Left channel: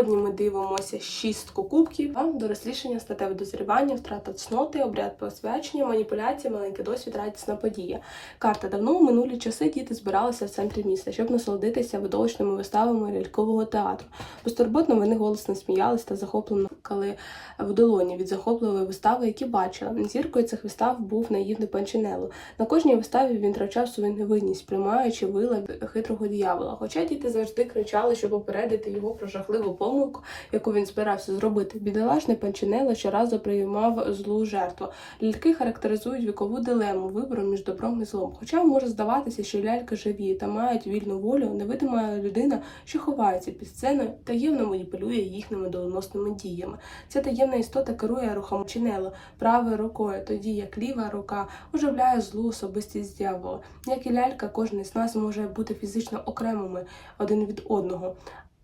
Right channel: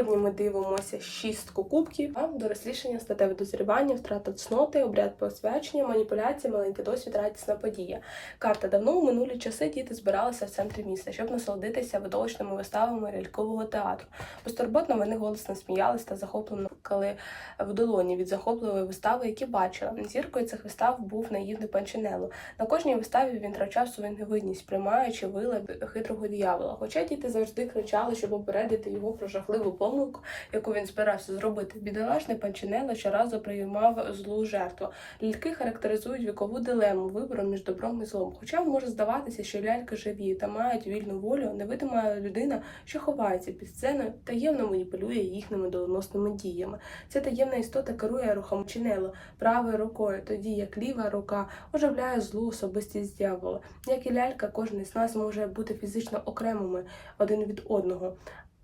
Сьогодні ми дивимося шістку кубків, дорослішання, статеве дозрівання, втрата цноти, обряд посвячення, маніпуляції, маленький досвід, радісна подія. Карта давно у минулі часи діти збиралися в центрі міста, щоб насолодитися видовищними виставами лялькового театру. Безтурботно вони голосно сміялись та захоплено кали в долоні від захопливої вистави, які бачила. Зіркою цих вистав був наївний Панчинелло. На кожній виставі він втрачав свою невинність, приймаючи вила хитрого диявола. Хоча діти завжди кричали, щоб попередити його про жахливу помилку, яку він збирався зробити. Бідолашний Панчинелло щоразу приймав злу жертву. Ляльки характеризують вікову дилему вибору між добром і злом. Хоча може здаватися, що ляльки живі та мають вільну волю, невидима людина, що ховається під сценою, таємно маніпулює їхніми доленосними діями. Ця таємна істота керує рухом чинело правою рукою, тоді як ліва рука оживляє злу особистість дьявола. Як і лялька, кожен із нас може бути фізично окремими один від одного.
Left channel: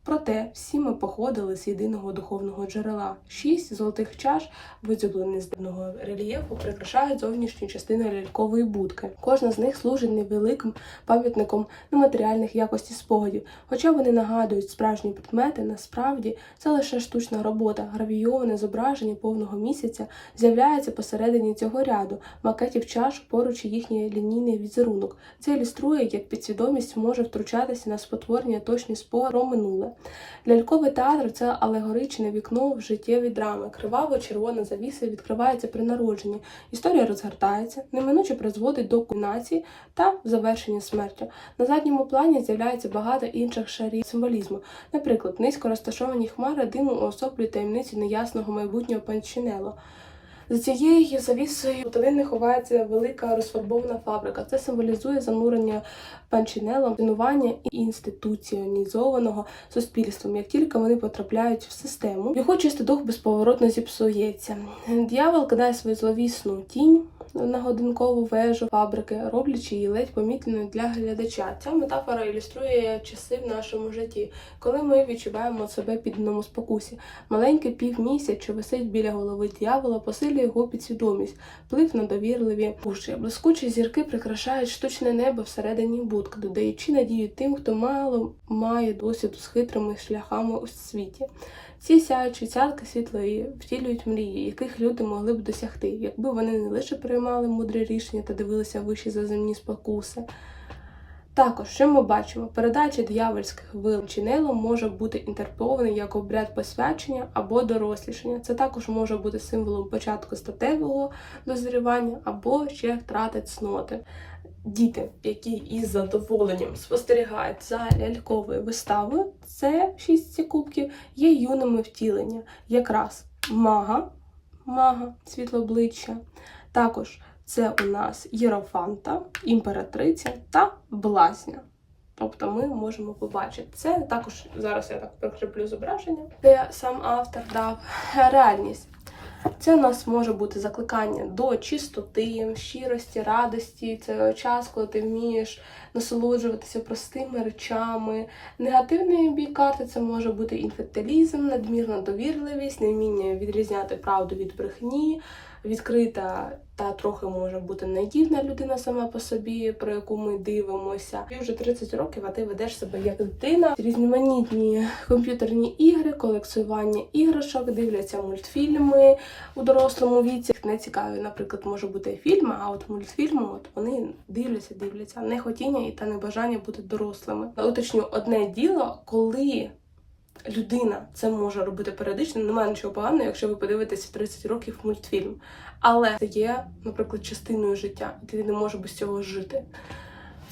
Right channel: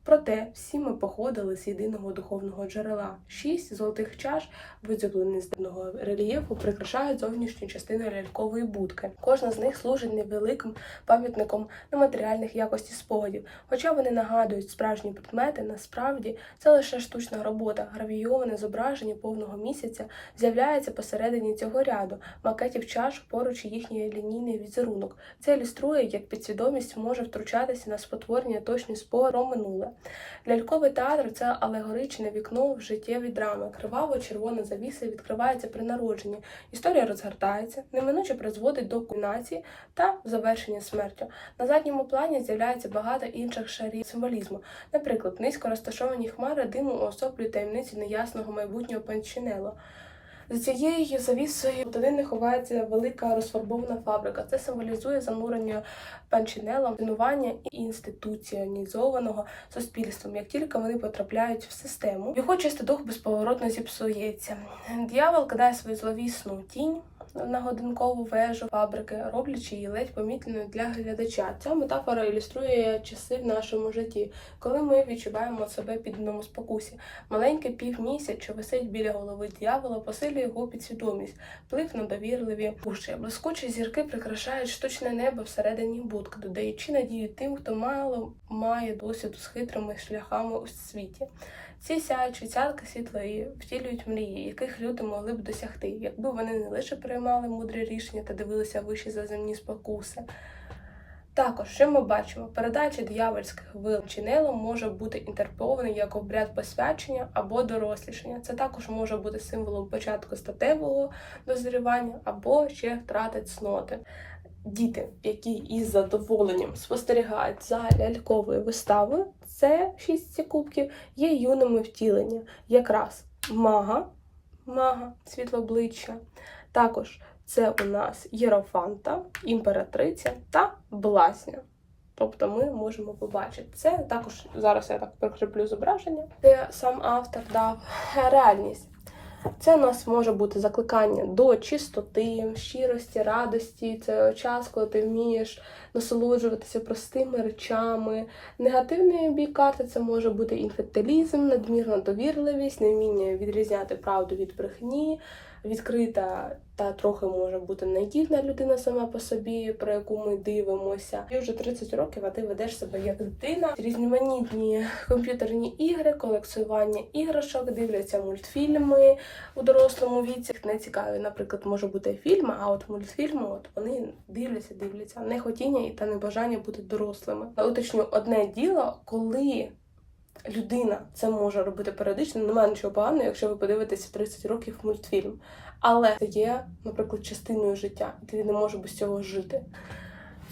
Проте всі ми походили з єдиного духовного джерела. Шість золотих чаш, видзюблені з дивного рельєфу, прикрашають зовнішню частину лялькової будки. Кожна з них служить невеликим пам'ятником нематеріальних якостей спогадів. Хоча вони нагадують справжні предмети, насправді це лише штучна робота. Гравійоване зображення повного місяця з'являється посередині цього ряду макетів чаш поруч їхній лінійний візерунок. Це ілюструє, як підсвідомість може втручатися на спотворення точні спори про минуле. Ляльковий театр це алегоричне вікно в життєві драми. Криваво-червона завіса відкривається при народженні. Історія розгортається, неминуче призводить до кульмінації та завершення смертю. На задньому плані з'являється багато інших шарів символізму. Наприклад, низько розташовані хмари диму уособлюють таємниці неясного майбутнього панчинело. За цією завісою туди ховається велика розфарбована фабрика. Це символізує занурення панчинелом, тренування і інституціонізованого суспільством. Як тільки вони потрапляють в систему, його чистий дух безповоротно зіпсується. Д'явол кидає свою зловісну тінь. На годинкову вежу фабрики, роблячи її ледь помітною для глядача. Ця метафора ілюструє часи в нашому житті, коли ми відчуваємо себе під одному спокусі. Маленький півмісяць, що висить біля голови дьявола, посилює його підсвідомість, вплив на довірливі уші. Блискучі зірки прикрашають штучне небо всередині будки, додаючи надію тим, хто мало має досвід з хитрими шляхами у світі. Ці сяючі цятки світлої втілюють мрії, яких люди могли б досягти, якби вони не лише приймали мудрі рішення та дивилися вищі за земні спокуси. Також, що ми бачимо, передача диявольських вил чинелом може бути інтерпретований як обряд посвячення або дорослішання. Це також може бути символом початку статевого дозрівання або ще втрати цноти. Діти, які із задоволенням спостерігають за ляльковою виставою, це шість кубків, є юними втілення, якраз мага, мага, світлообличчя. Також це у нас Єрофанта, імператриця та блазня. Тобто ми можемо побачити це. Також зараз я так прикріплю зображення, де сам автор дав реальність. Це у нас може бути закликання до чистоти, щирості, радості. Це час, коли ти вмієш насолоджуватися простими речами. Негативний бік карти це може бути інфантилізм, надмірна довірливість, невміння відрізняти правду від брехні, відкрита та трохи може бути наївна людина сама по собі, про яку ми дивимося. І вже 30 років, а ти ведеш себе як дитина. Різноманітні комп'ютерні ігри, колекціювання іграшок, дивляться мультфільми у дорослому віці. Не цікаві, наприклад, може бути фільми, а от мультфільми, от вони дивляться, дивляться, не хотіння і та небажання бути дорослими. Уточню одне діло, коли. Людина це може робити періодично, немає нічого поганого, якщо ви подивитеся 30 років мультфільм. Але це є, наприклад, частиною життя, і ти не можеш без цього жити.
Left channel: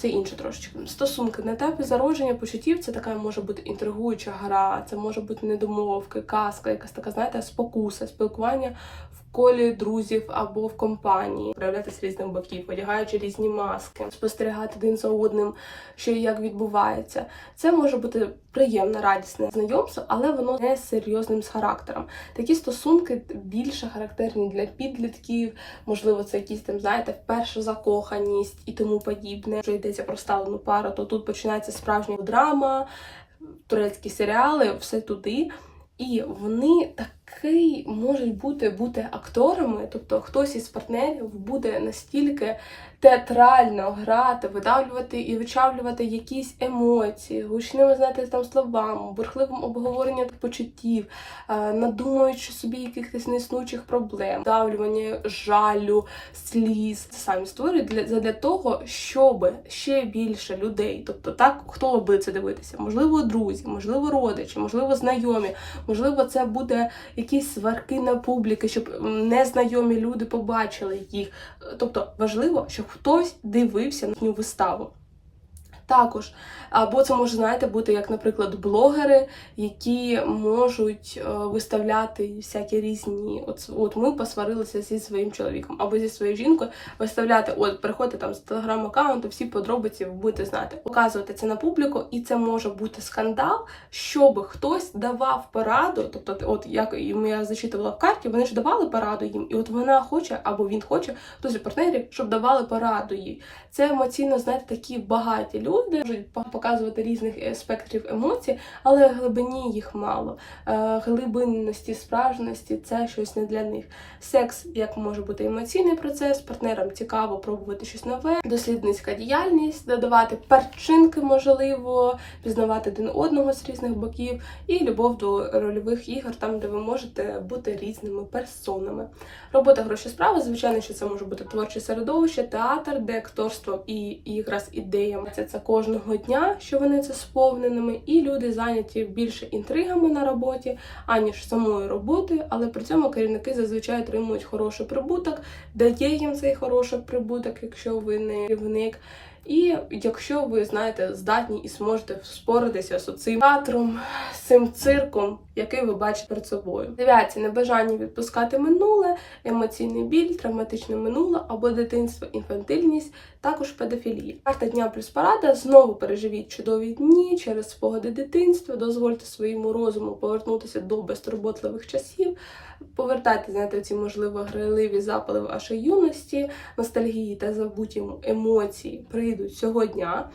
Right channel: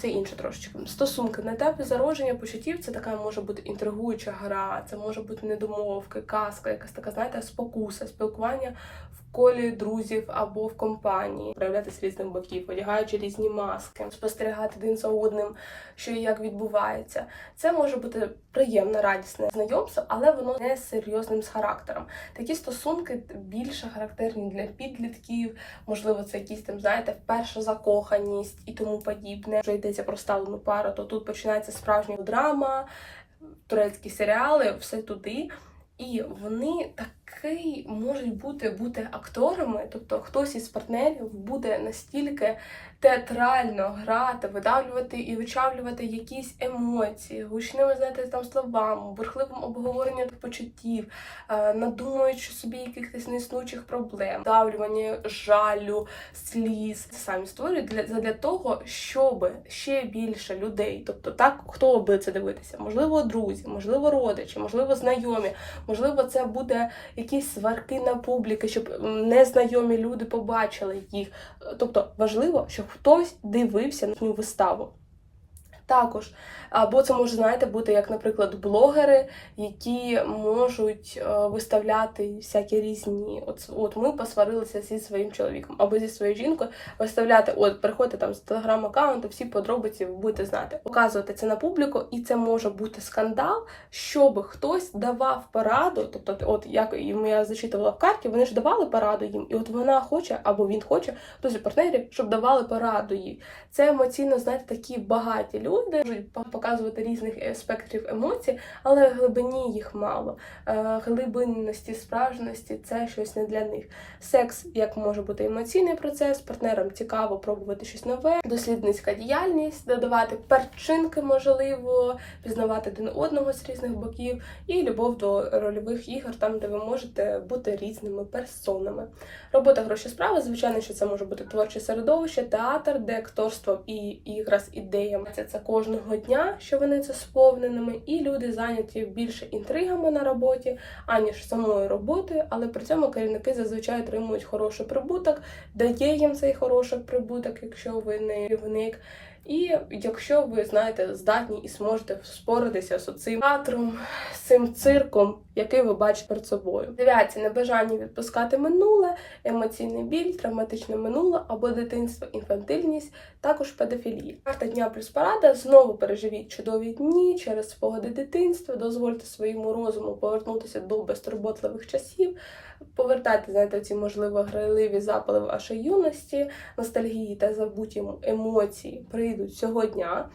Це інше трошечки. Стосунки на етапі зародження почуттів це така може бути інтригуюча гра, це може бути недомовки, казка, якась така, знаєте, спокуса, спілкування в колі друзів або в компанії, проявлятися різних боків, одягаючи різні маски, спостерігати один за одним, що і як відбувається. Це може бути приємне, радісне знайомство, але воно не серйозним з характером. Такі стосунки більше характерні для підлітків, можливо, це якісь там, знаєте, перша закоханість і тому подібне. Вже йдеться про сталену пару, то тут починається справжня драма, турецькі серіали, все туди. І вони керівники можуть бути бути акторами, тобто хтось із партнерів буде настільки театрально грати, видавлювати і вичавлювати якісь емоції, гучними знаєте, там словами, бурхливим обговоренням почуттів, е, надумуючи собі якихось неіснучих проблем, давлювання жалю, сліз. Самі створюють для, для того, щоб ще більше людей, тобто так, хто буде це дивитися, можливо, друзі, можливо, родичі, можливо, знайомі, можливо, це буде якісь сварки на публіки, щоб незнайомі люди побачили їх. Тобто важливо, щоб хтось дивився на їхню виставу. Також, або це може, знаєте, бути як, наприклад, блогери, які можуть е, виставляти всякі різні. От, от ми посварилися зі своїм чоловіком або зі своєю жінкою, виставляти, от приходьте там з телеграм-аккаунту, всі подробиці будете знати, показувати це на публіку, і це може бути скандал, щоб хтось давав пораду. Тобто, от як я зачитувала в карті, вони ж давали пораду їм, і от вона хоче або він хоче, хтось партнерів, щоб давали пораду їй. Це емоційно, знаєте, такі багаті люди можуть показувати різних е, спектрів емоцій, але глибині їх мало. Е, Глибинності, справжності це щось не для них. Секс як може бути емоційний процес, партнерам цікаво пробувати щось нове, дослідницька діяльність, додавати перчинки, можливо, пізнавати один одного з різних боків, і любов до рольових ігор, там де ви можете бути різними персонами. Робота гроші справи, звичайно, що це може бути творче середовище, театр, де акторство і ігра з ідеями. Це кожного дня, що вони це сповненими, і люди зайняті більше інтригами на роботі, аніж самою роботою, але при цьому керівники зазвичай отримують хороший прибуток, дає їм цей хороший прибуток, якщо ви не керівник. І якщо ви знаєте, здатні і зможете споритися з цим театром, з цим цирком, який ви бачите перед собою. Дев'яті небажання відпускати минуле, емоційний біль, травматичне минуле або дитинство, інфантильність, також педофілія. Карта дня плюс парада знову переживіть чудові дні через спогади дитинства, дозвольте своєму розуму повернутися до безтурботливих часів. Повертайте, знаєте, ці можливо грайливі запали вашої юності, ностальгії та забуті емоції прийдуть цього дня.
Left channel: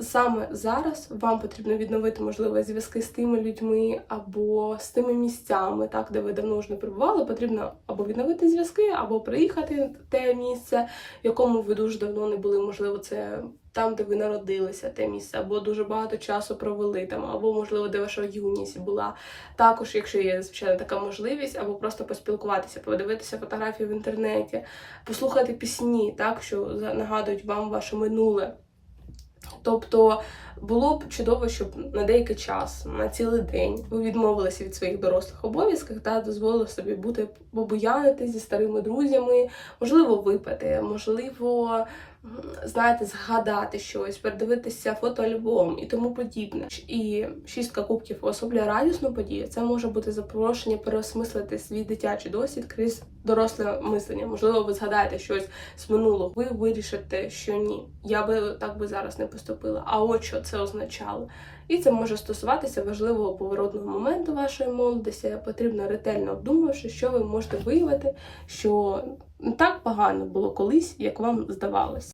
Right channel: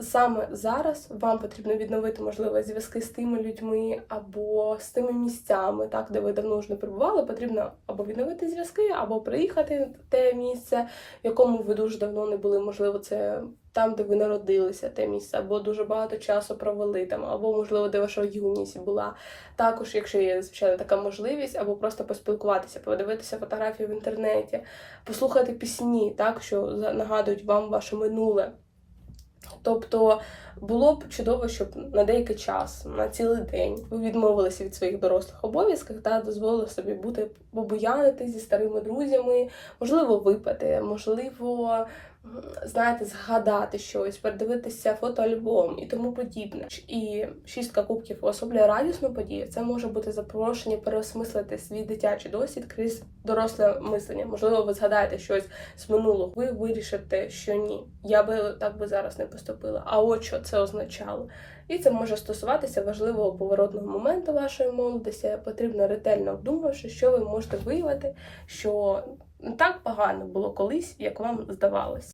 Саме зараз вам потрібно відновити можливо зв'язки з тими людьми або з тими місцями, так де ви давно вже не перебували. Потрібно або відновити зв'язки, або приїхати в те місце, в якому ви дуже давно не були. Можливо, це там, де ви народилися, те місце, або дуже багато часу провели там, або можливо, де ваша юність була. Також, якщо є звичайно така можливість, або просто поспілкуватися, подивитися фотографії в інтернеті, послухати пісні, так що нагадують вам ваше минуле. Тобто було б чудово, щоб на деякий час, на цілий день, ви відмовилися від своїх дорослих обов'язків та дозволили собі бути побуянити зі старими друзями, можливо, випити, можливо, знаєте, згадати щось, передивитися фотоальбом і тому подібне. І шістка кубків уособлює радісну подію. Це може бути запрошення переосмислити свій дитячий досвід крізь доросле мислення. Можливо, ви згадаєте щось з минулого. Ви вирішите, що ні, я би так би зараз не поступила. А от що це означало. І це може стосуватися важливого поворотного моменту вашої молодості. Потрібно ретельно обдумавши, що ви можете виявити, що не так погано було колись, як вам здавалось.